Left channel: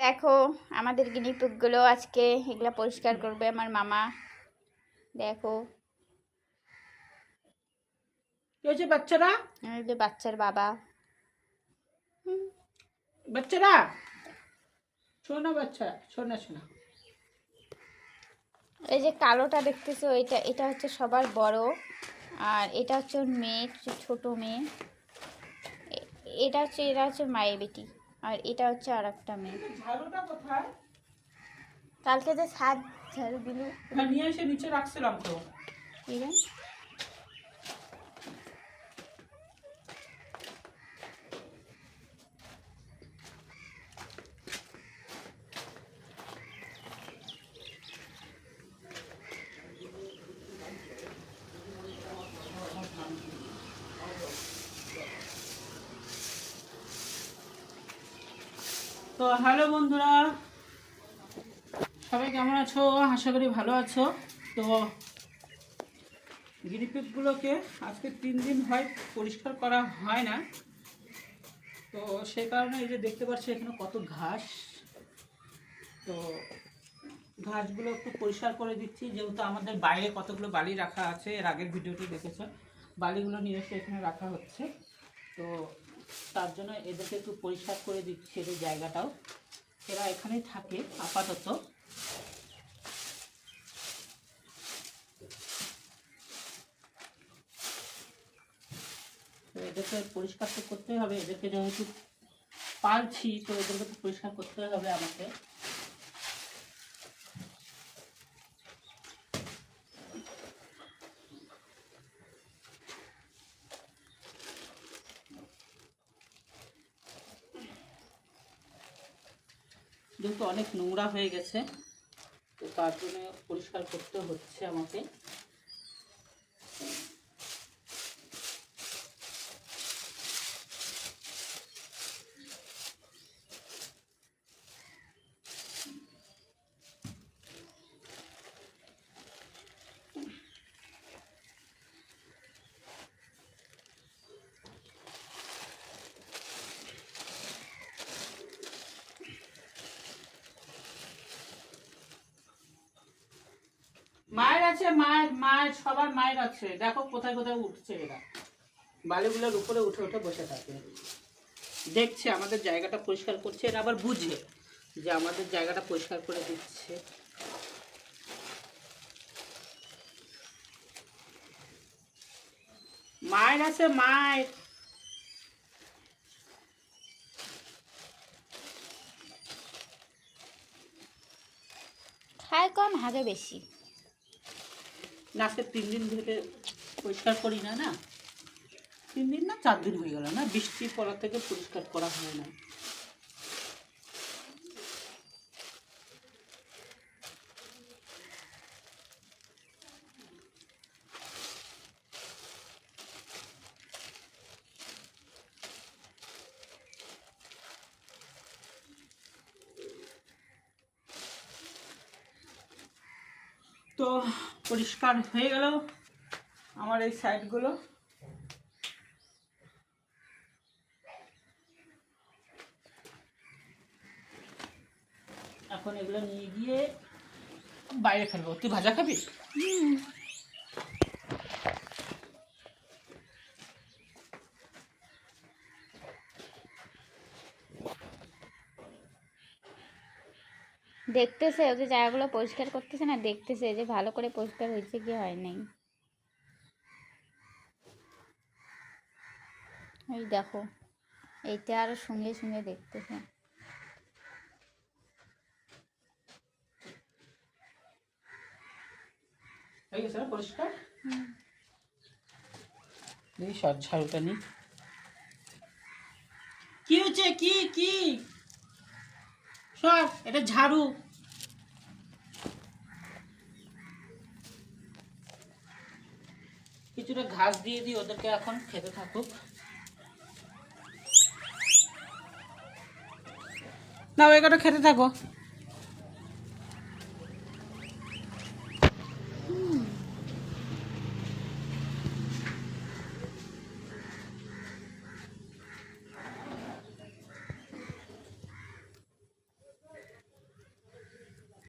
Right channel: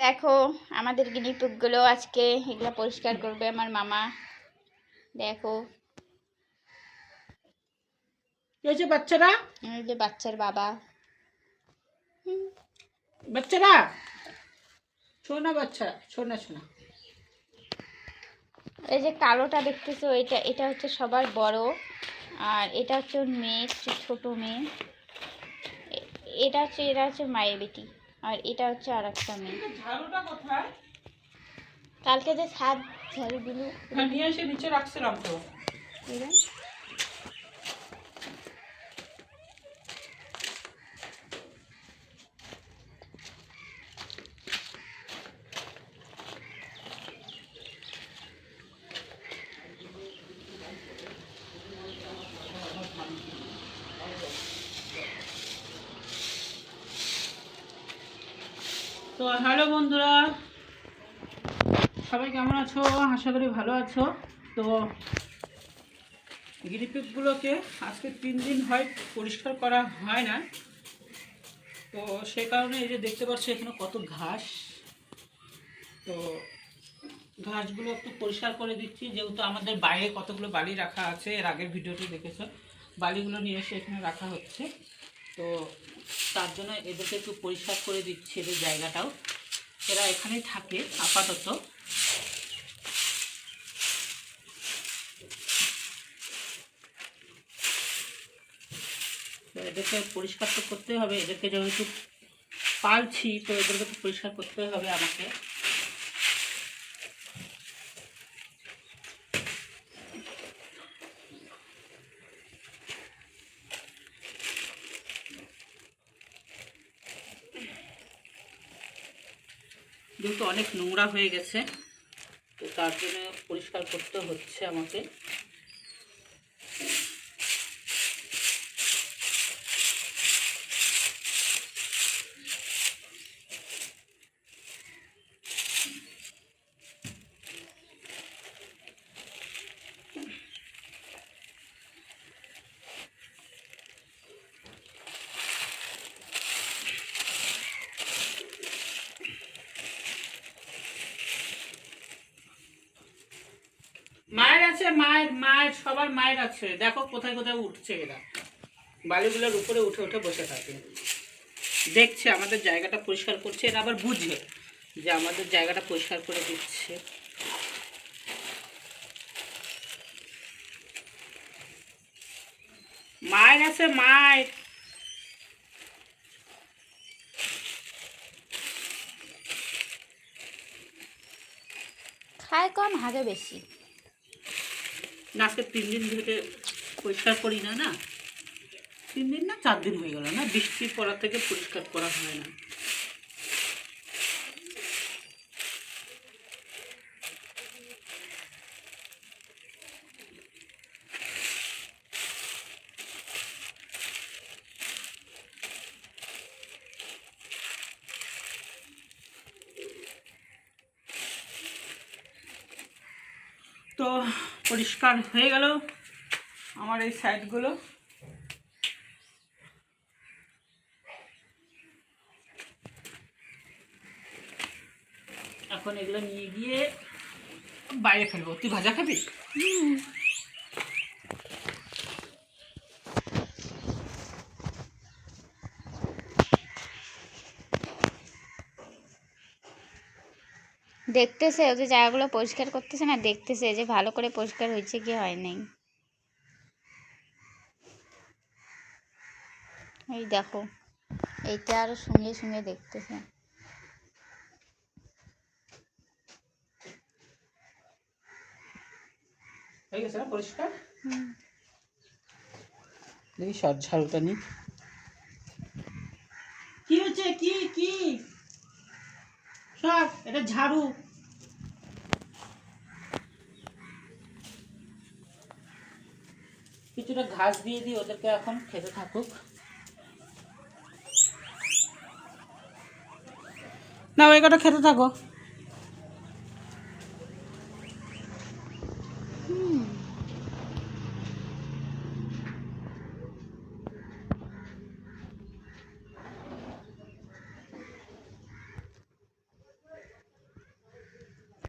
দেখো আমাদের গিনিপুকগুলো আজকে এগুলো পরিষ্কার করবে আমার মামা। দেখো। হয়েছে বাচ্চারা? এই যে বাচ্চার বাবা। বাচ্চারা? শোনা বাচ্চা শোনা শোনা এই যে কালোটা দেখতেছো এটা এটা হচ্ছে সবার বড়। আর এটা হচ্ছে ওর মেয়ে ছোট মেয়ে। এটা হচ্ছে এরা হচ্ছে মায়ের বেটি। আর এটা হচ্ছে আর একটা মেয়ে কালকে যে সাত ঝাড়ুগুলো হ্যাঁ নিয়ে এসে নিচে রাখছিলাম তো। তো হ্যালো বন্ধুরা, সবাই কেমন আছো? আশা করি ভালো আছো। তো গিরিপিকগুলোকে আজকে তিন দিন হয় পরিষ্কার করা হয় না। তো সে কারণে এই যে দেখতে পাচ্ছি, এখানে কত ঘাস। তো ঘাসগুলো একটু পরিষ্কার করে দিচ্ছি। যেহেতু আমাদের বাইরে কতগুলো বালি রাখা আছে, এর আগের ভিডিওটি দেখেছ, বালিগুলো নিয়ে এসে এখানে রাখা হচ্ছে। তো তার জন্য এদেরকে একটু পরিষ্কার করে দিচ্ছি এদের জায়গাটাও। এরা এখানেই থাকে, আপাতত। তো এদেরকে পরিষ্কার তো করতে হবে, এদেরকে যেহেতু পালছি, তো এদেরকে তো পরিষ্কার করতে হবে আমাকে। যেহেতু অনেক নোংরা হয়ে গেছে। তো তার জন্য পরিষ্কার করতে হচ্ছে আমাকে। মায়ের আছে, মায়ের মায়ের, সবার মায়ের আছে। দেখো কোথায় কোথায় উঠছে এরা। বালিগুলোর উপরে উঠে উঠে বসে থাকে। দেখছে, আমাদের জায়গাটা পরিষ্কার করছে। এরা আবার বুঝে যে আমাদের জায়গাটা পরিষ্কার করে দিচ্ছে। মায়ের আছে, মায়ের। খায় কম, হাগে বেশি। না, আজকে তিন দিন ধরে পরিষ্কার করি না না? তিন দিন না, চার দিন হয়ে গেল না? বৃষ্টির পড়া থেকে পরিষ্কার করা হয় না। তো পরিষ্কার হয়ে গেল আমার এই সাইডগুলো। এখন এগুলো নিয়ে গিয়ে বাইরে ফেলব। তুই ভাজা খাবি? দেখতেছে ওদের জায়গাগুলো পরিষ্কার করতেছে না দেখতেছে যে ভালো করে পরিষ্কার হয়েছে কি হয় নাই। এই দেখো এইটা আরও সঙ্গে সঙ্গে দেখতেছে। হয়ে গেছে না পরিষ্কার। দেখি সর ঝাড়ুটা নি কি হচ্ছে? কি? কি? এটা ঝাড়ু। কিছুটা ঘাস দিয়ে দিই, ওদেরকে এখন খেতে থাকুক। না ওই কটা খেতে থাকো।